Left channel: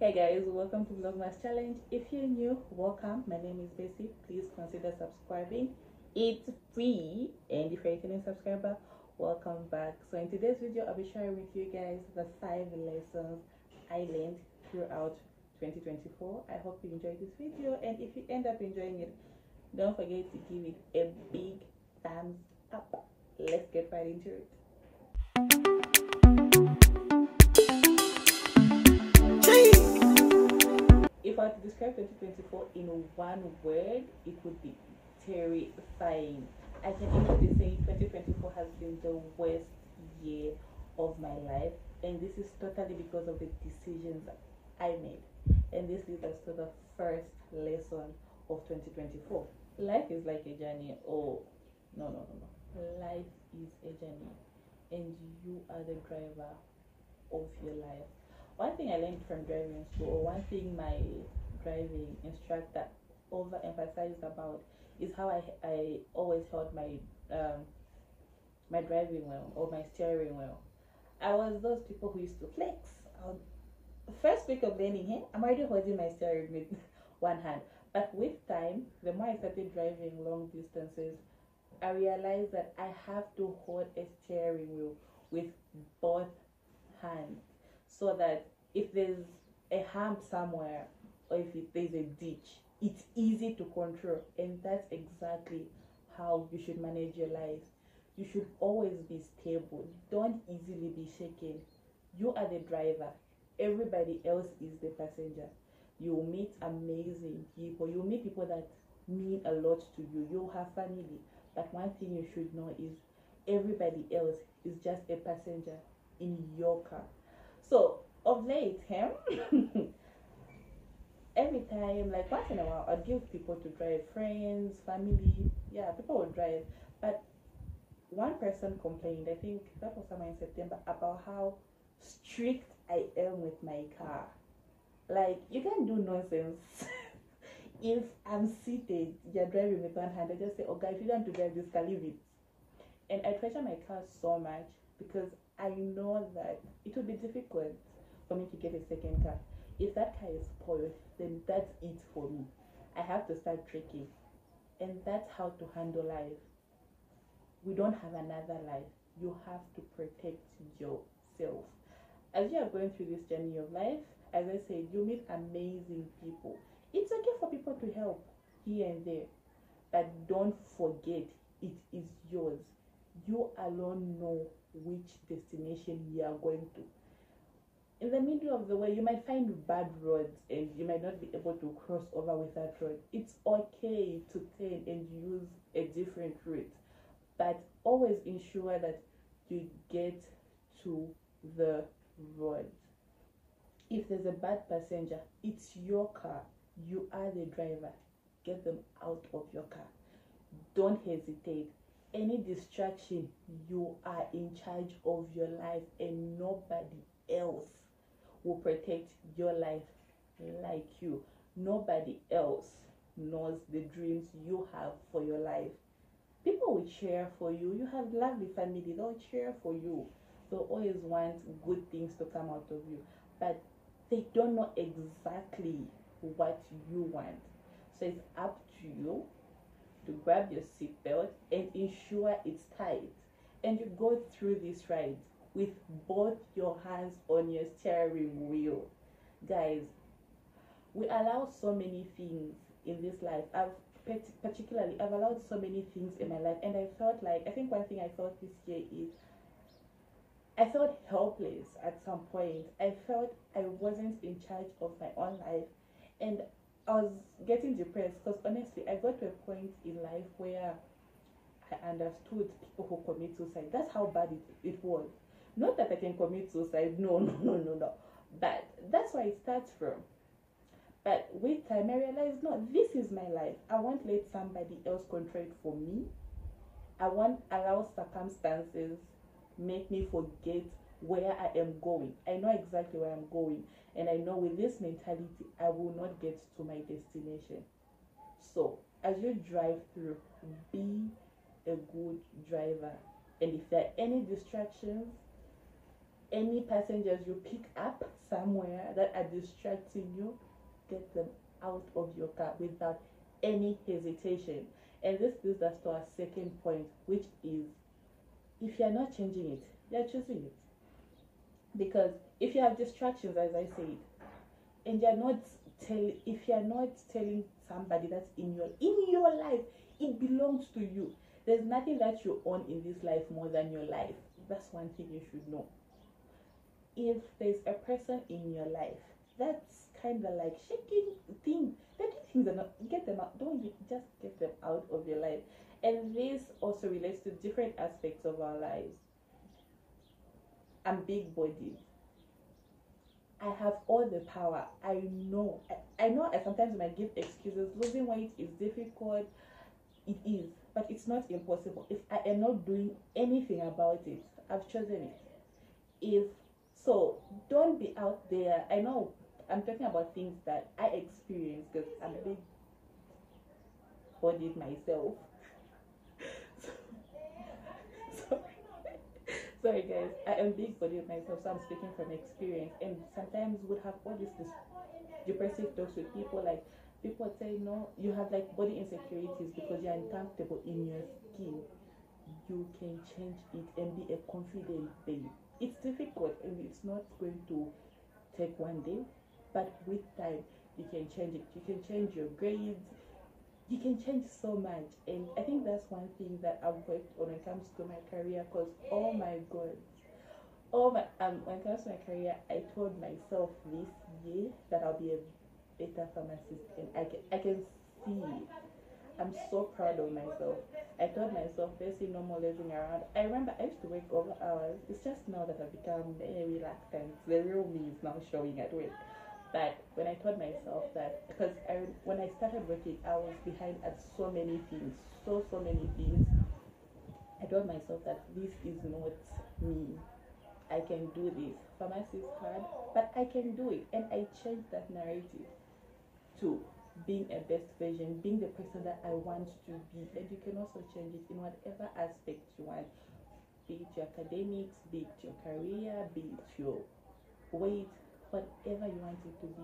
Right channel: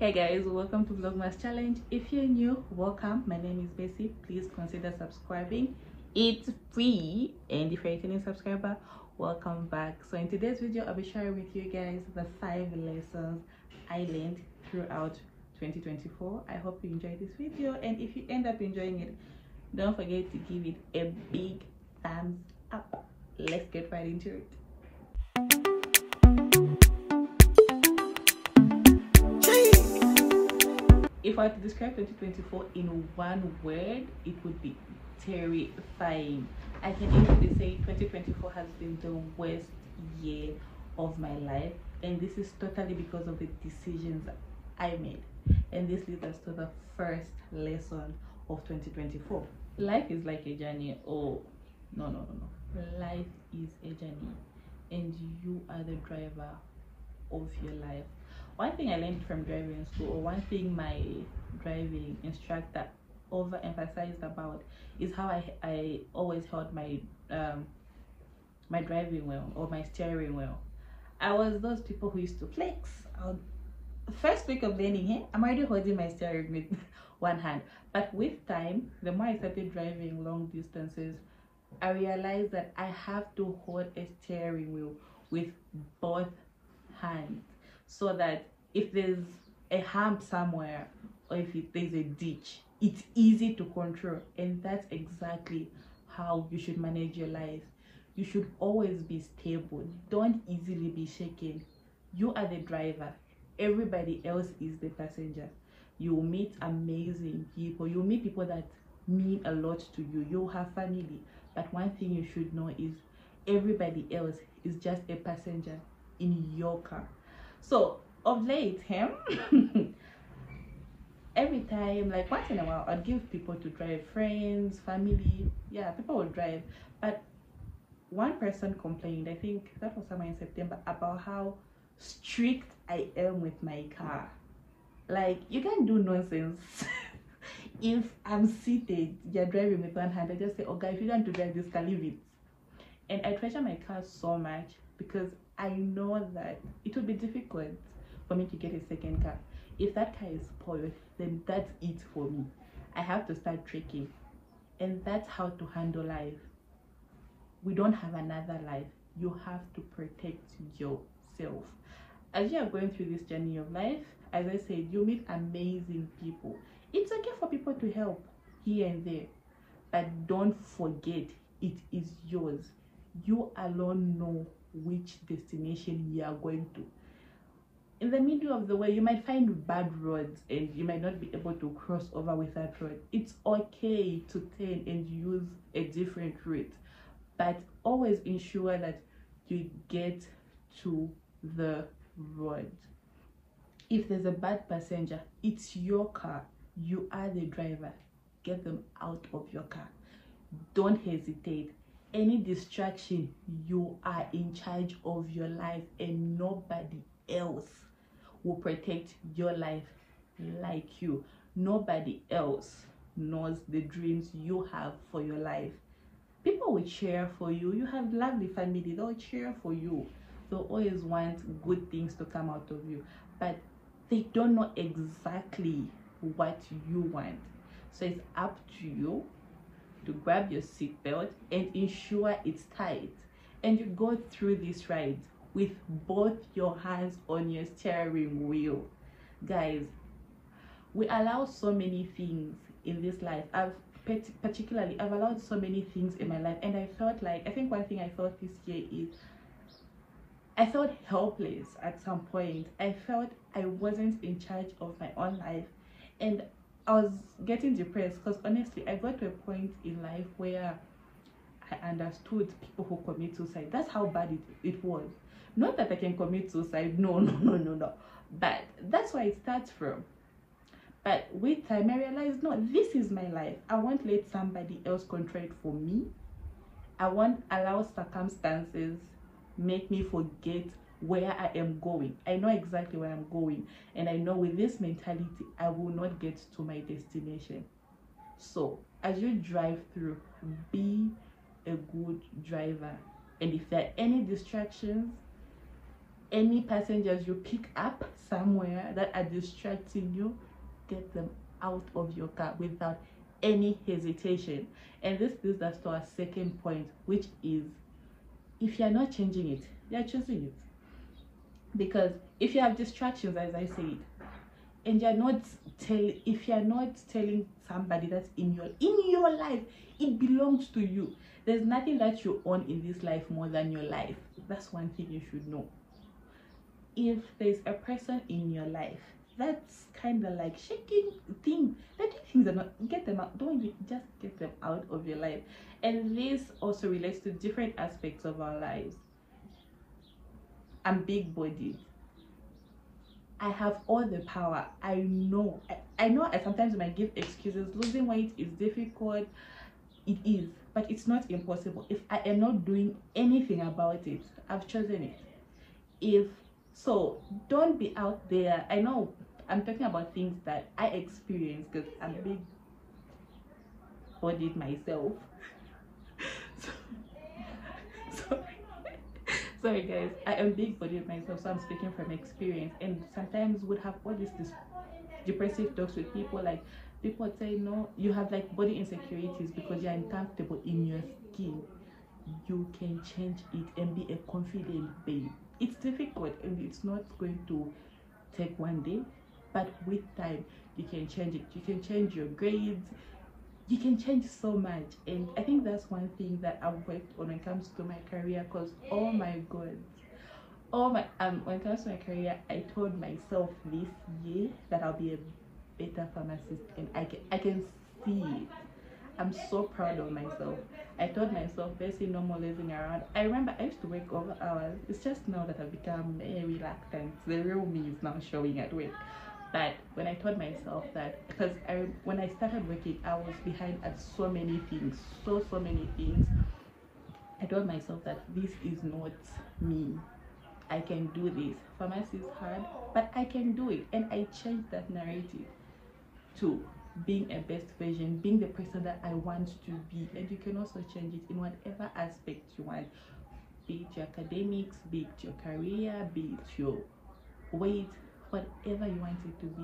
Hey guys, welcome to Vlogmas challenge. If you're new, welcome. My name is Bessie. Please consider subscribing. It's free, and if you're a returning subscriber, welcome back. So in today's video, I'll be sharing with you guys the 5 lessons I learned throughout 2024. I hope you enjoyed this video, and if you end up enjoying it, don't forget to give it a big thumbs up. Let's get right into it. If I were to describe 2024 in one word, it would be terrifying. I can easily say 2024 has been the worst year of my life, and this is totally because of the decisions I made. And this leads us to the first lesson of 2024. Life is like a journey. Oh, no. Life is a journey, and you are the driver of your life. One thing I learned from driving school, or one thing my driving instructor overemphasized about, is how I always held my my driving wheel or my steering wheel. I was those people who used to flex. First week of learning, hey, I'm already holding my steering with one hand. But with time, the more I started driving long distances, I realized that I have to hold a steering wheel with both hands, so that if there's a hump somewhere or if there's a ditch, it's easy to control. And that's exactly how you should manage your life. You should always be stable. Don't easily be shaken. You are the driver, everybody else is the passenger. You will meet amazing people, you'll meet people that mean a lot to you, you'll have family, but one thing you should know is everybody else is just a passenger in your car. So of late, every time, like once in a while, I'd give people to drive, friends, family. Yeah, people will drive. But one person complained, I think that was somewhere in September, about how strict I am with my car. Like, you can't do nonsense. If I'm seated, you're driving with one hand, I just say, oh guys, if you don't want to drive this car, leave it. And I treasure my car so much because I know that it would be difficult for me to get a second car. If that car is spoiled, then that's it for me. I have to start trekking. And that's how to handle life. We don't have another life. You have to protect yourself. As you are going through this journey of life, as I said, you meet amazing people. It's okay for people to help here and there, but don't forget, it is yours. You alone know which destination you are going to. In the middle of the way, you might find bad roads and you might not be able to cross over with that road. It's okay to turn and use a different route, but always ensure that you get to the road. If there's a bad passenger, it's your car. You are the driver. Get them out of your car. Don't hesitate. Any distraction, you are in charge of your life, and nobody else will protect your life like you. Nobody else knows the dreams you have for your life. People will cheer for you. You have lovely family, they'll cheer for you. They'll always want good things to come out of you, but they don't know exactly what you want. So it's up to you to grab your seatbelt and ensure it's tight, and you go through this ride with both your hands on your steering wheel. Guys, we allow so many things in this life. I've allowed so many things in my life, and I think one thing I felt this year is I felt helpless at some point. I felt I wasn't in charge of my own life, and I was getting depressed because honestly, I got to a point in life where I understood people who commit suicide. That's how bad it was. Not that I can commit suicide, no, but that's where it starts from. But with time, I realized, no, this is my life. I won't let somebody else control it for me. I won't allow circumstances make me forget where I am going. I know exactly where I'm going, and I know with this mentality I will not get to my destination. So as you drive through, be a good driver, and if there are any distractions, any passengers you pick up, somewhere that are distracting you, get them out of your car without any hesitation. And this leads us to our second point, which is, if you're not changing it, you're choosing it. Because if you have distractions, as I said, and if you're not telling somebody that's in your life, it belongs to you. There's nothing that you own in this life more than your life. That's one thing you should know. If there's a person in your life that's kind of like shaking things, that things are not, get them out. Don't just get them out of your life. And this also relates to different aspects of our lives. I'm big bodied. I have all the power. I know I sometimes might give excuses. Losing weight is difficult. It is, but it's not impossible. If I am not doing anything about it, I've chosen it. So don't be out there. I know I'm talking about things that I experience because I'm big bodied myself. Sorry guys, I am big bodied myself, so I'm speaking from experience. And sometimes would have all this depressive talks with people, like people would say, no, you have like body insecurities because you're uncomfortable in your skin. You can change it and be a confident babe. It's difficult and it's not going to take one day, but with time you can change it. You can change your grades, you can change so much. And I think that's one thing that I've worked on when it comes to my career, because oh my god, when it comes to my career, I told myself this year that I'll be a better pharmacist, and I can see it. I'm so proud of myself. I told myself, basically, no more lazing around. I remember I used to work over hours. It's just now that I've become reluctant. The real me is now showing at work. But when I told myself that, because when I started working, I was behind at so many things, so many things. I told myself that this is not me. I can do this. Pharmacy is hard, but I can do it. And I changed that narrative to being a best version, being the person that I want to be. And you can also change it in whatever aspect you want, be it your academics, be it your career, be it your weight, whatever you want it to be,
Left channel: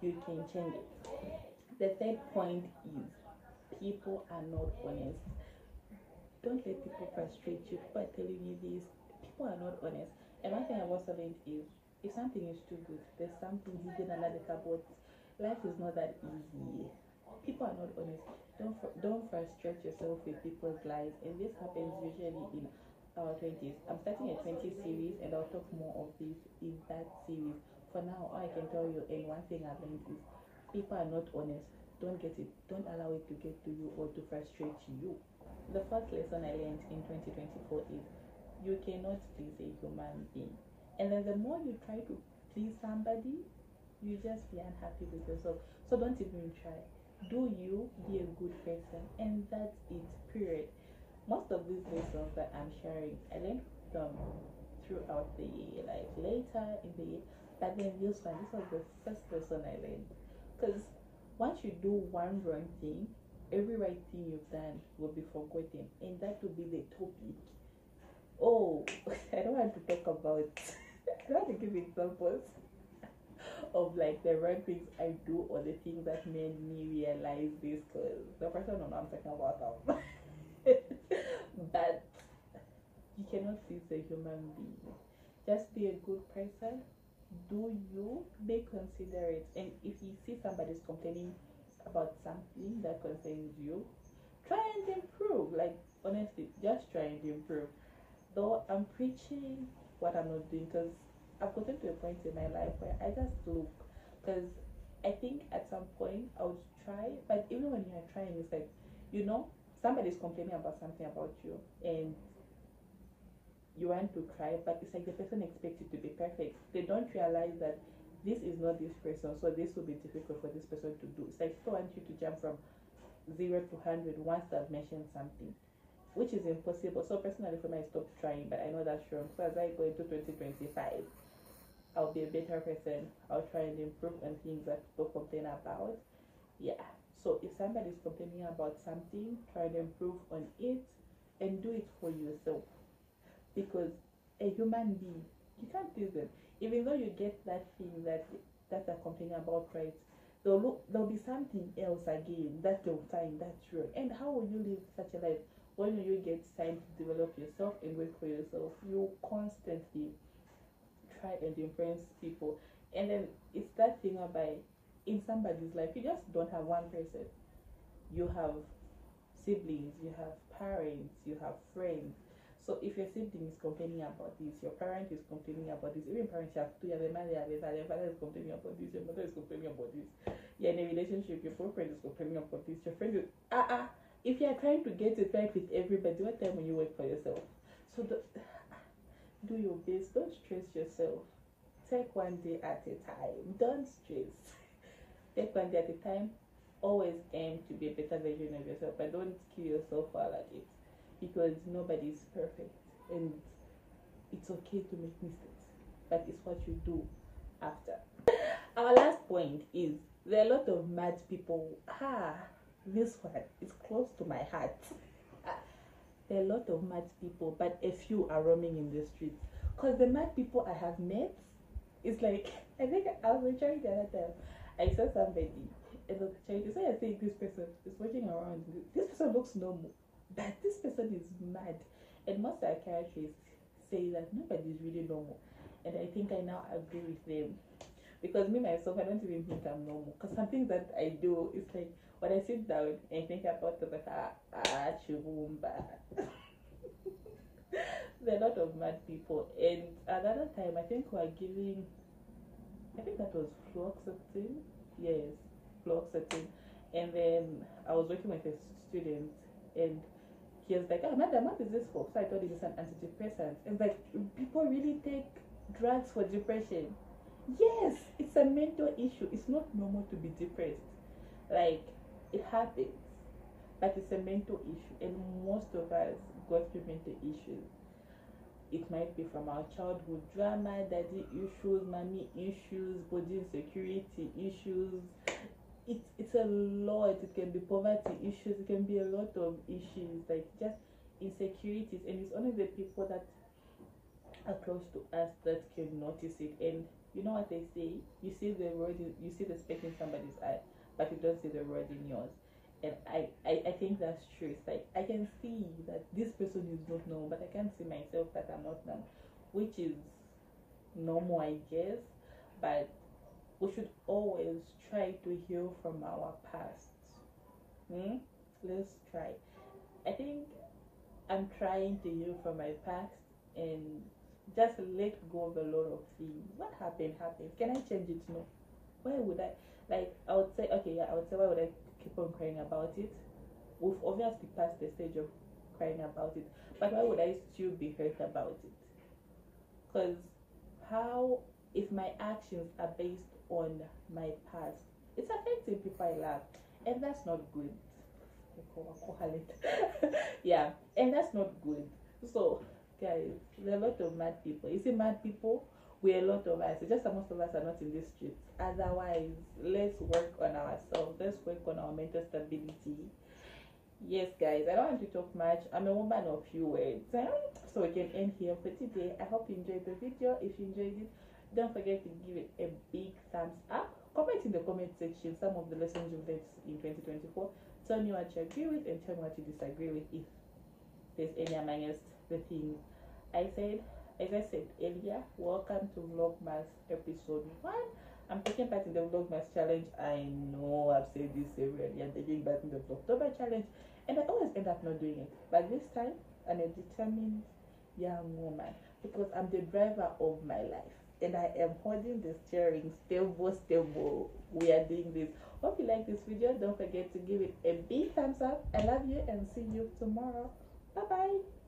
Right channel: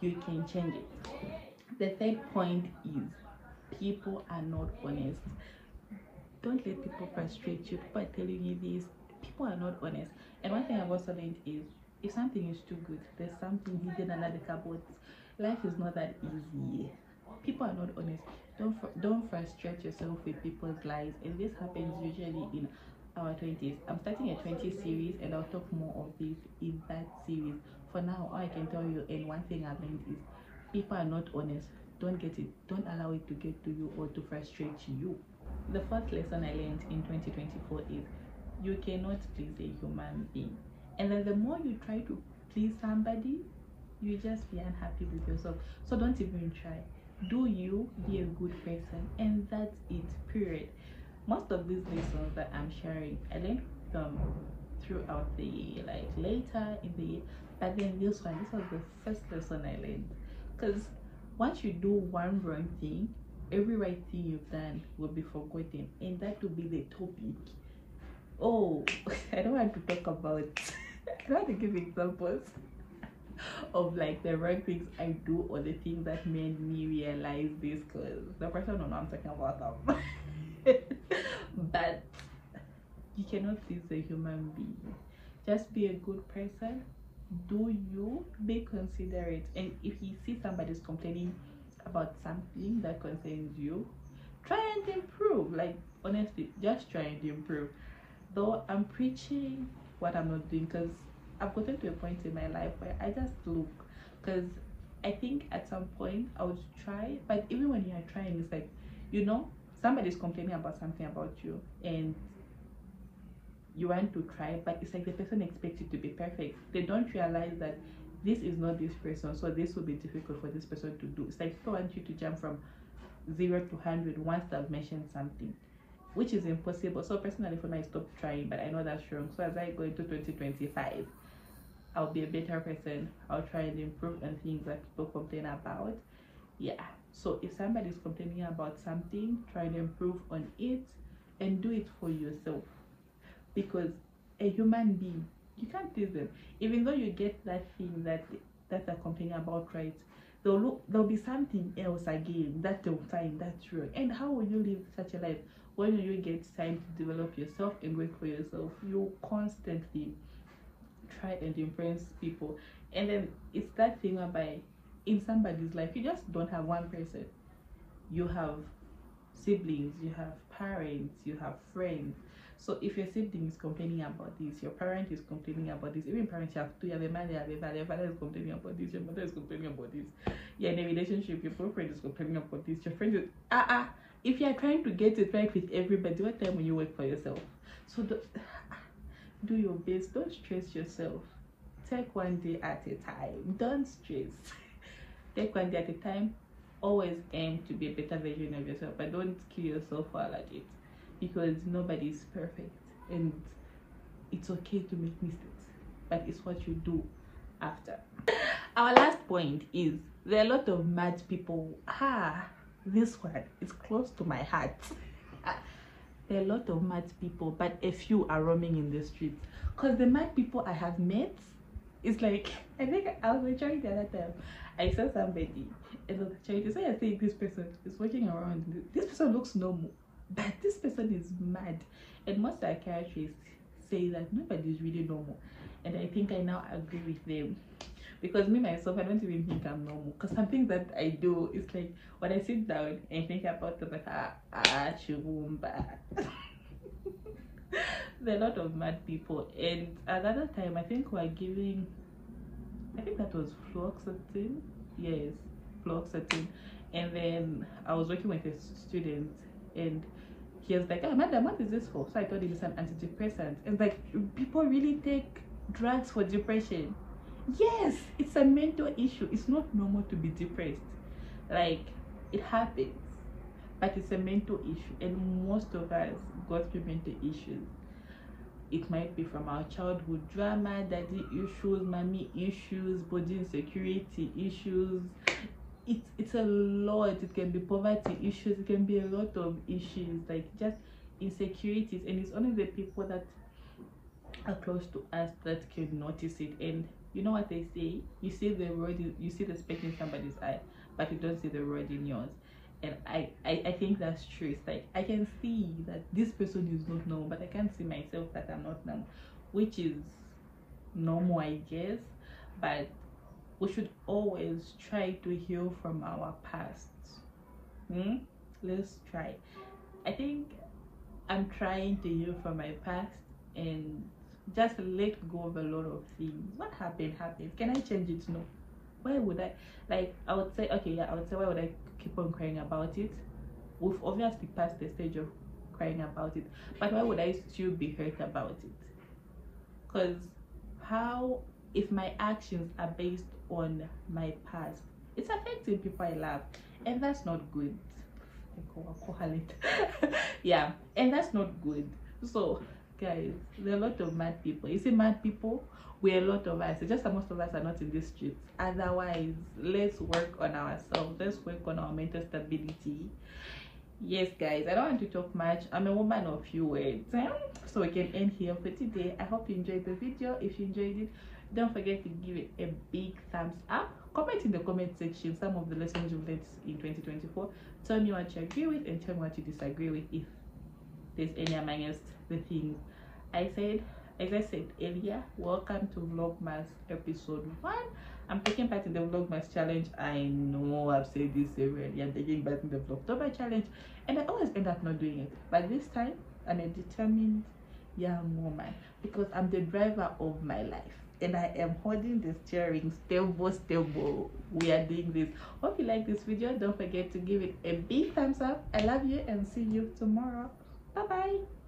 you can change it. The third point is, people are not honest. Don't let people frustrate you. People are telling you this. People are not honest. And one thing I've also learned is, if something is too good, there's something hidden under the cupboard. Life is not that easy. People are not honest. Don't frustrate yourself with people's lies. And this happens usually in our 20s. I'm starting a 20 series, and I'll talk more of this in that series. For now, all I can tell you, and one thing I've learned is, people are not honest. Don't allow it to get to you or to frustrate you. The fourth lesson I learned in 2024 is, you cannot please a human being. And then the more you try to please somebody, you just be unhappy with yourself. So don't even try. Do you, be a good person, and that's it, period. Most of these lessons that I'm sharing, I learned them throughout the year, like later in the year. But then this was the first lesson I learned. Because once you do one wrong thing, every right thing you've done will be forgotten, and that will be the topic. Oh, I don't want to talk about I don't want to give examples of like the wrong things I do or the things that made me realize this, because the person will know I'm talking about them. But you cannot please a human being. Just be a good person. Do you, be considerate, and if you see somebody's complaining about something that concerns you, try and improve. Like, honestly, just try and improve. Though I'm preaching what I'm not doing, because I've gotten to a point in my life where I just look, because I think at some point I would try, but even when you're trying, it's like, somebody's complaining about something about you, and you want to try, but it's like the person expects you to be perfect. They don't realize that this is not this person, so this will be difficult for this person to do. It's like people want you to jump from 0 to 100 once they've mentioned something, which is impossible. So personally, for me, I stopped trying, but I know that's wrong. So as I go into 2025, I'll be a better person. I'll try and improve on things that people complain about. Yeah. So if somebody's complaining about something, try and improve on it and do it for yourself. Because a human being, You can't please them. Even though you get that thing that they're complaining about, right? There'll be something else again that they'll find that's wrong. And how will you live such a life when you get time to develop yourself and work for yourself? You constantly try and impress people, and then it's that thing whereby in somebody's life you just don't have one person. You have siblings, you have parents, you have friends. So if your sibling is complaining about this, your parent is complaining about this, even parents, you have two, you have a mother, you have a father, your father is complaining about this, your mother is complaining about this, you're in a relationship, your boyfriend is complaining about this, your friend is if you're trying to get it right with everybody, what time will you work for yourself? So do your best, don't stress yourself. Take one day at a time, don't stress. Take one day at a time. Always aim to be a better version of yourself, but don't kill yourself while at it, because nobody is perfect and it's okay to make mistakes, but it's what you do after. Our last point is there are a lot of mad people. This one is close to my heart. There are a lot of mad people, but a few are roaming in the streets. Because the mad people I have met, it's like, I think I was trying the other time, I saw somebody and I was trying to say, I think this person is walking around, this person looks normal, but this person is mad. And most psychiatrists say that nobody is really normal, and I think I now agree with them, because me myself, I don't even think I'm normal, because something that I do is like when I sit down and think about it, like chumba. There are a lot of mad people. And another time, I think we're giving, I think that was fluoxetine. Yes, fluoxetine. And then I was working with a student, and he was like, madam, what is this for? So I told him it's an antidepressant. And like, people really take drugs for depression. Yes, it's a mental issue. It's not normal to be depressed. Like, it happens, but it's a mental issue, and most of us go through mental issues. It might be from our childhood drama, daddy issues, mommy issues, body insecurity issues. It's a lot. It can be poverty issues, it can be a lot of issues, like just insecurities, and it's only the people that are close to us that can notice it. And you know what they say, you see the road, you see the speck in somebody's eye, but you don't see the road in yours. And I think that's true. It's like I can see that this person is not normal, but I can't see myself that I'm not normal, which is normal, I guess. But we should always try to heal from our past. Let's try. I think I'm trying to heal from my past and just let go of a lot of things. What happened happened. Can I change it? No. Why would I? Like, I would say, okay, yeah, I would say, why would I keep on crying about it? We've obviously passed the stage of crying about it, but why would I still be hurt about it? Because how, if my actions are based on my past, it's affecting people I love, and that's not good. Yeah, and that's not good. So guys, there are a lot of mad people. You see, mad people, we're a lot of us. It's just that most of us are not in the streets. Otherwise, let's work on ourselves. Let's work on our mental stability. Yes, guys, I don't want to talk much. I'm a woman of few words, so we can end here for today. I hope you enjoyed the video. If you enjoyed it, don't forget to give it a big thumbs up. Comment in the comment section some of the lessons you've learned in 2024. Tell me what you agree with and tell me what you disagree with, if there's any amongst the things I said. As I said earlier, welcome to Vlogmas episode 1. I'm taking part in the Vlogmas challenge. I know I've said this severally. I'm taking part in the Vlogtober challenge, and I always end up not doing it. But this time, I'm a determined young woman, because I'm the driver of my life, and I am holding the steering stable. We are doing this. Hope you like this video. Don't forget to give it a big thumbs up. I love you, and see you tomorrow. Bye bye.